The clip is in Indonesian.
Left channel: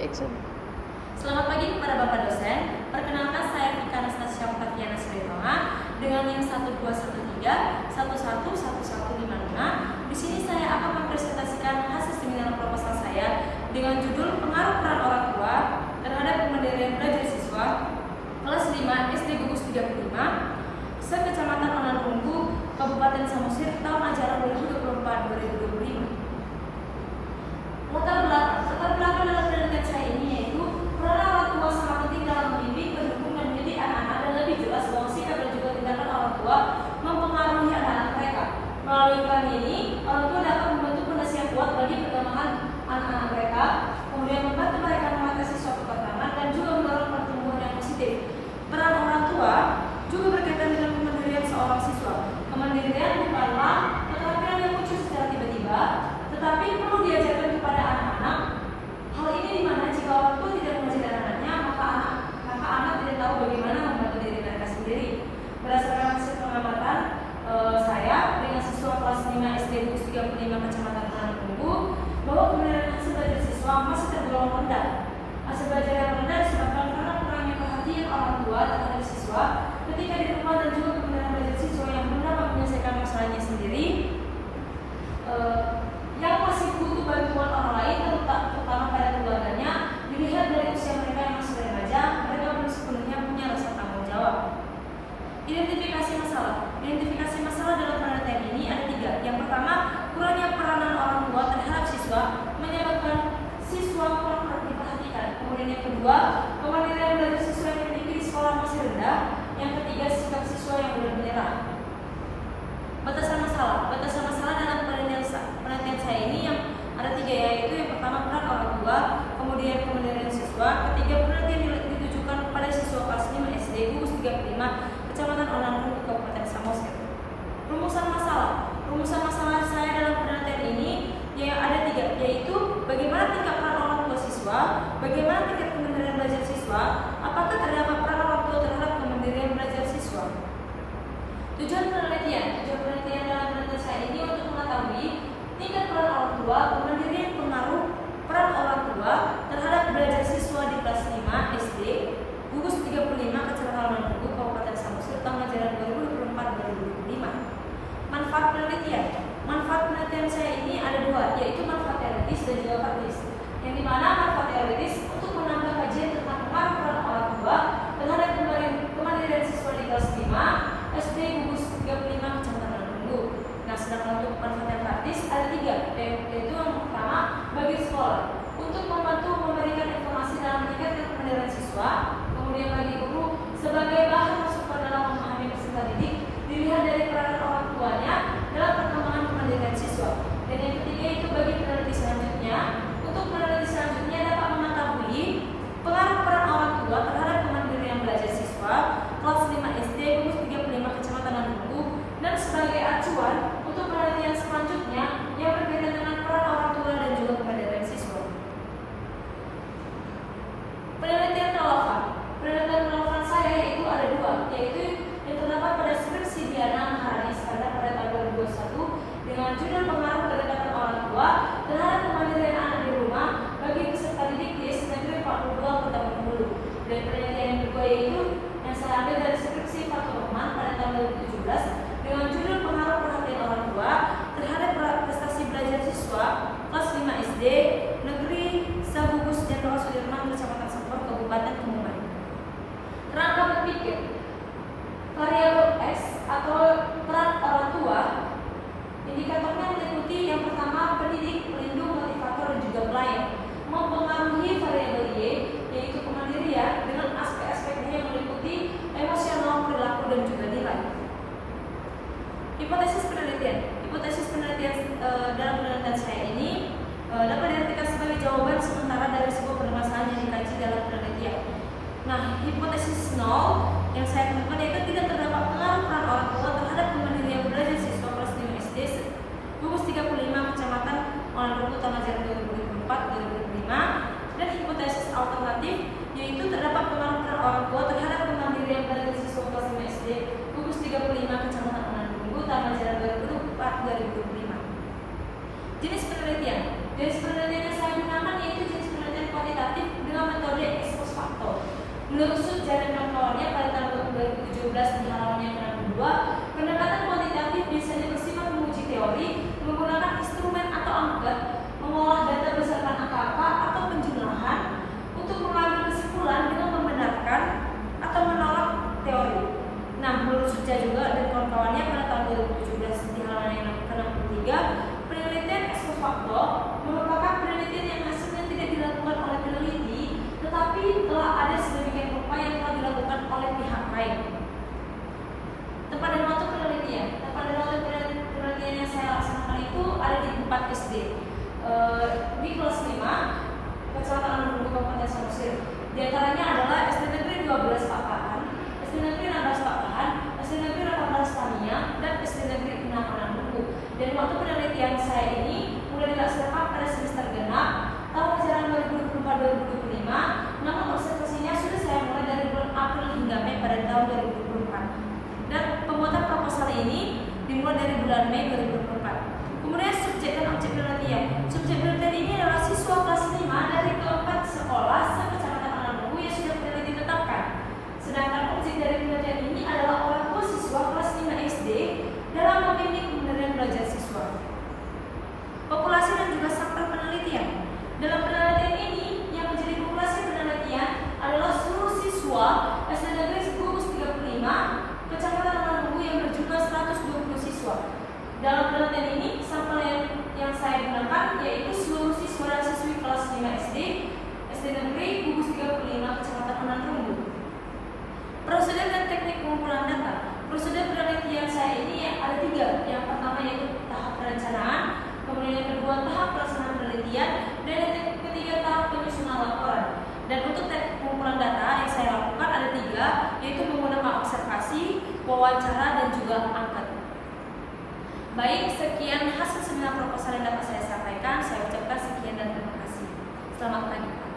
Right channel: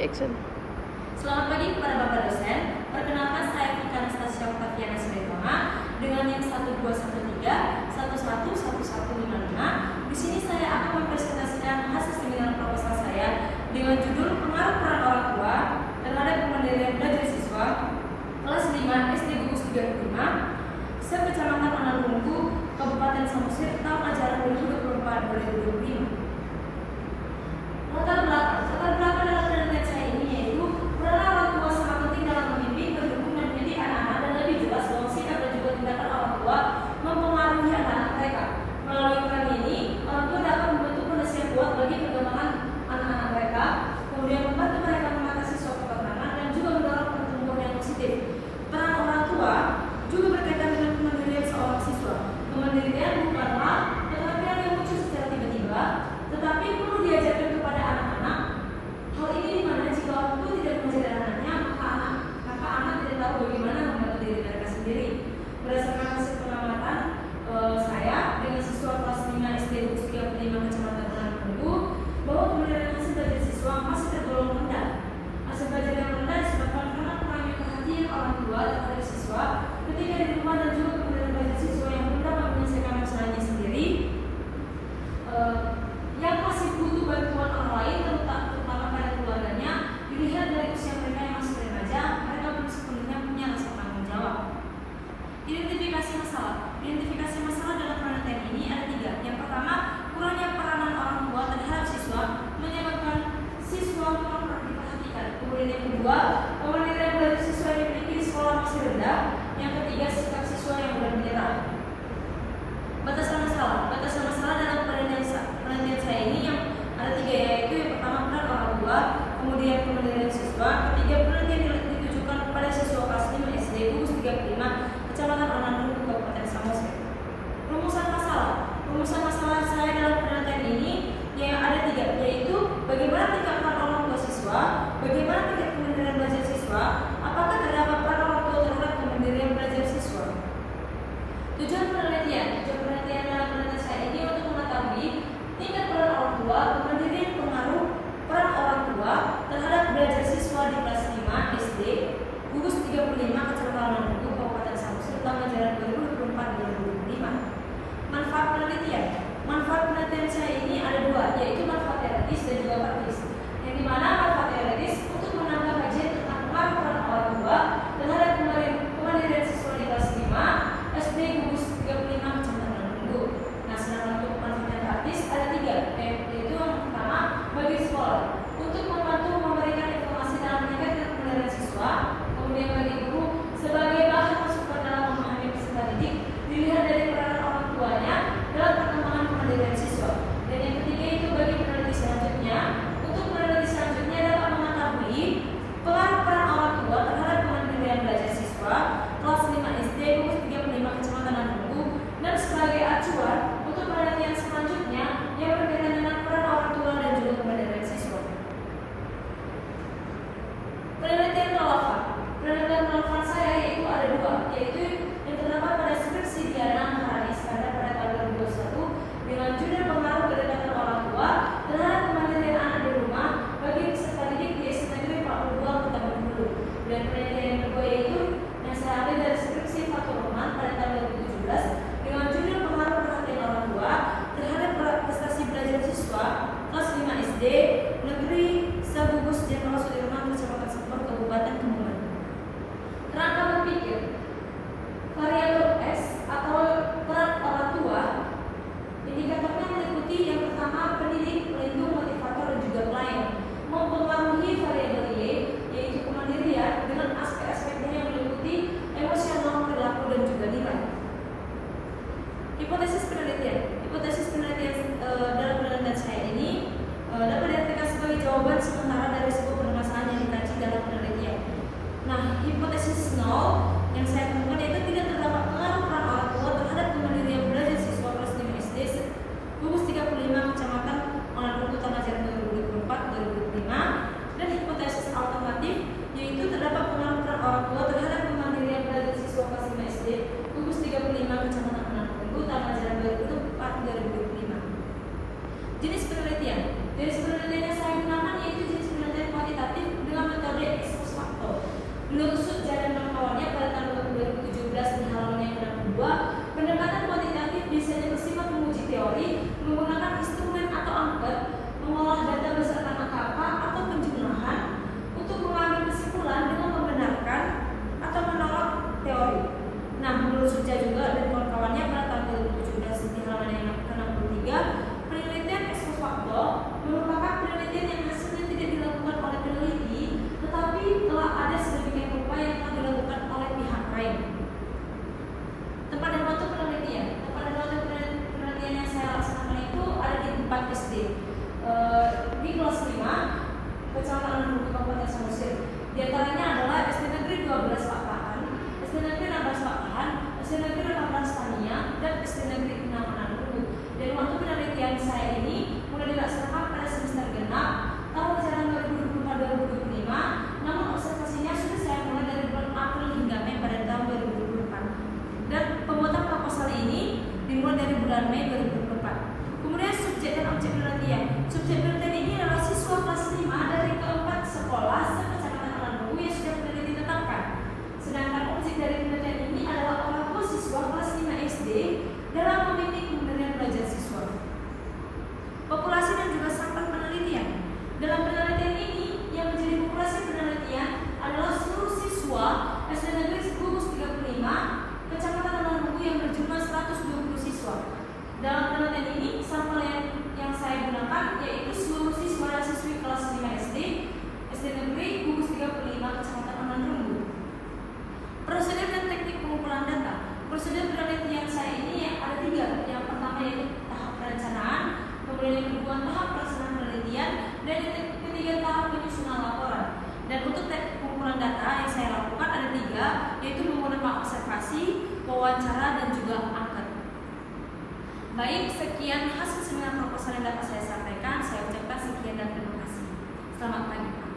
Action. Selamat pagi kepada Bapak dosen. Perkenalkan saya Vika Anastasia Octaviana Sritonga dengan NIM 12131111155. Di sini saya akan mempresentasikan hasil seminar proposal saya dengan judul Pengaruh Peran Orang Tua terhadap Kemandirian Belajar Siswa kelas 5 SD Gugus 35 Sekecamatan Onarunggu, Kabupaten Samosir, tahun ajaran 2024-2025. Latar belakang dalam penelitian saya ini yaitu peran orang tua sangat penting dalam mendidik, mendukung, dan mendidik anak-anak, dan lebih jelas bahwa sikap dan juga tindakan orang tua mempengaruhi anak-anak mereka. Melalui peran ini, orang tua dapat membentuk fondasi yang kuat bagi perkembangan anak-anak mereka, kemudian membantu mereka mengatasi suatu tantangan dan juga mendorong pertumbuhan yang positif. Peran orang tua juga berkaitan dengan kemandirian seorang siswa. Kemandirian bukanlah keterampilan yang muncul secara tiba-tiba, tetapi perlu diajarkan kepada anak-anak. Hal ini dimana jika orang tua tidak mengajari anak-anaknya, maka anak tidak tahu bagaimana membantu diri mereka sendiri. Berdasarkan hasil pengamatan saya dengan siswa kelas 5 SD Gugus 35 Kecamatan Onarunggu, bahwa kemandirian hasil belajar siswa masih tergolong rendah. Hasil belajar yang rendah disebabkan karena kurangnya perhatian orang tua terhadap siswa ketika di rumah, dan juga kemandirian belajar siswa yang belum dapat menyelesaikan masalahnya sendiri, yang masih butuh bantuan orang lain, terutama pada keluarganya. Dilihat dari usia mereka yang masih remaja, mereka belum sepenuhnya punya rasa tanggung jawab. Identifikasi masalah dalam penelitian ini ada 3. Yang pertama, kurangnya peranan orang tua terhadap siswa menyebabkan siswa kurang diperhatikan. Kemudian yang kedua, kemandirian belajar siswa yang dimiliki di sekolah masih rendah. Yang ketiga, sikap siswa yang mudah menyerah. Batasan masalah dalam penelitian saya ini yang ada 3, yaitu yang pertama peran orang tua, kemudian kemandirian siswa, ketiga penelitian ditujukan kepada siswa kelas 5 SD Gugus 35 Kecamatan Onarunggu, Kabupaten Samosir. Rumusan masalah saya dalam penelitian ini yang ada 3, yaitu bagaimana tingkat peran orang tua siswa, bagaimana tingkat kemandirian belajar siswa, apakah terdapat peran orang tua terhadap kemandirian belajar siswa. Tujuan penelitian dalam penelitian saya ini untuk mengetahui tingkat peran orang tua, kemandirian pengaruh peran orang tua terhadap belajar siswa di kelas 5 SD Gugus 35 Kecamatan Onarunggu, Kabupaten Samosir, tahun ajaran 2024-2025. Manfaat penelitian saya ini ada 2, yaitu manfaat teoritis dan juga praktis. Yang dimana manfaat teoritis untuk menambah kajian tentang pengaruh peran orang tua terhadap kemandirian siswa di kelas 5 SD Gugus 35 Kecamatan Onarunggu. Nah, sedangkan untuk manfaat yang praktis ada 3, yaitu yang pertama bagi sekolah untuk membantu memberikan informasi dalam meningkatkan kemandirian siswa, kemudian bagi guru sebagai bahan masukan dalam memahami peserta didik, dilihat dari peran orang tuanya dalam perkembangan kemandirian siswa. Dan yang ketiga itu bagi peneliti selanjutnya, untuk peneliti selanjutnya dapat mengetahui pengaruh peran orang tua terhadap kemandirian belajar siswa kelas 5 SD Gugus 35 Kecamatan Onarunggu, dan sebagai acuan untuk penelitian selanjutnya yang berkaitan dengan peran orang tua dan juga kemandirian siswa. Penelitian relevan saya yaitu ada 2, yaitu yang terdapat pada skripsi Diana Maharani Iskandar pada tahun 2021 dengan judul Pengaruh Kedekatan Orang Tua terhadap Kemandirian Anak di Rumah bagi Peserta Didik di SD Negeri 42 Kota Bengkulu. Dan penelitian yang kedua yaitu yang saya ambil dari skripsi Fatur Rahman pada tahun 2017 dengan judul Pengaruh Perhatian Orang Tua terhadap prestasi belajar siswa kelas 5 SD Negeri Gugus Jenderal Sudirman, Kecamatan Sempur, Kabupaten Kebumen. Kerangka berpikir variabel X atau peran orang tua, indikatornya meliputi yang pertama pendidik, pelindung, motivator, dan juga pelayan. Mempengaruhi variabel Y, yaitu kemandirian dengan aspek-aspeknya yang meliputi emosional, perilaku, dan juga nilai. Hipotesis penelitian dalam penelitian saya ini dapat diartikan sebagai jawaban sementara dari sebuah permasalahan yang dikaji dalam penelitian. Nah, hipotesis 0 yang saya temukan yaitu tidak terdapat pengaruh peran orang tua terhadap kemandirian belajar siswa kelas 5 SD Gugus 35 Kecamatan Onarunggu tahun ajaran 2024-2025. Dan hipotesis alternatif yaitu terdapat pengaruh peran orang tua terhadap kemandirian belajar siswa kelas 5 SD Gugus 35 Kecamatan Onarunggu tahun ajaran 2024-2025. Jenis penelitian yang saya gunakan yaitu jenis penelitian kuantitatif Menurut Sutja dan kawan-kawannya pada tahun 2017 di halaman yang ke-62, pendekatan kuantitatif biasanya bersifat menguji teori menggunakan instrumen atau angka, mengolah data berdasarkan angka atau penjumlahan untuk mengambil kesimpulan dengan membenarkan atau menolak teori. Nah, menurut Sutja juga dan kawan-kawannya pada tahun 2017 di halaman yang ke-63, penelitian ex post facto merupakan penelitian yang hasilnya tidak dilakukan oleh peneliti, tetapi telah ada sedemikian rupa yang telah dilakukan oleh pihak lain. Tempat dan waktu penelitian. Tempat dan waktu penelitian yang saya laksanakan itu ada di 4 SD. Di kelas 5, Kecamatan Lumbu Kabupaten Samosir. Di antaranya adalah SD Negeri 12 Pakahan, SD Negeri 16 Pakahan, SD Negeri 18 Tania, dan SD Negeri 6 Manado. Dan waktu penelitian saya ini mulai dilaksanakan pada semester genap tahun ajaran 2024-2025, namun observasinya sudah saya mulai dari bulan April hingga Mei pada tahun 2024. Dan pembuatan proposal ini dimulai dari bulan Mei 2024. Kemudian subjek dan objek penelitian. Subjek penelitian ini adalah siswa kelas 5 dari keempat sekolah sekecamatan Manado yang sudah peneliti tetapkan. Sedangkan objek dari penelitian ini adalah orang tua siswa kelas 5 SD dalam membimbing pemberian belajar siswa. Populasi dan juga sampel penelitian. Dalam penelitian ini yang menjadi populasi penelitian adalah seluruh siswa SD Negeri Gugus 35 Kecamatan Manado yang berjumlah 120 siswa. Dalam penelitian ini sampel yang saya gunakan yaitu seluruh siswa dan siswi kelas 5 SD SD Negeri Gugus 35 Kecamatan Manado. Prosedur dan teknik pengumpulan data. Prosedur penelitian saya ini ada 3. Yang pertama yaitu tahap perencanaan, kemudian yang kedua tahap pelaksanaan penelitian, dan yang ketiga tahap penyusunan laporan. Dan untuk teknik pengumpulan data yang saya lakukan ada 3, yaitu menggunakan observasi, wawancara, dan juga angket. Baik, sekian hasil seminar proposal yang dapat saya sampaikan. Saya ucapkan sekian dan terima kasih. Selamat pagi.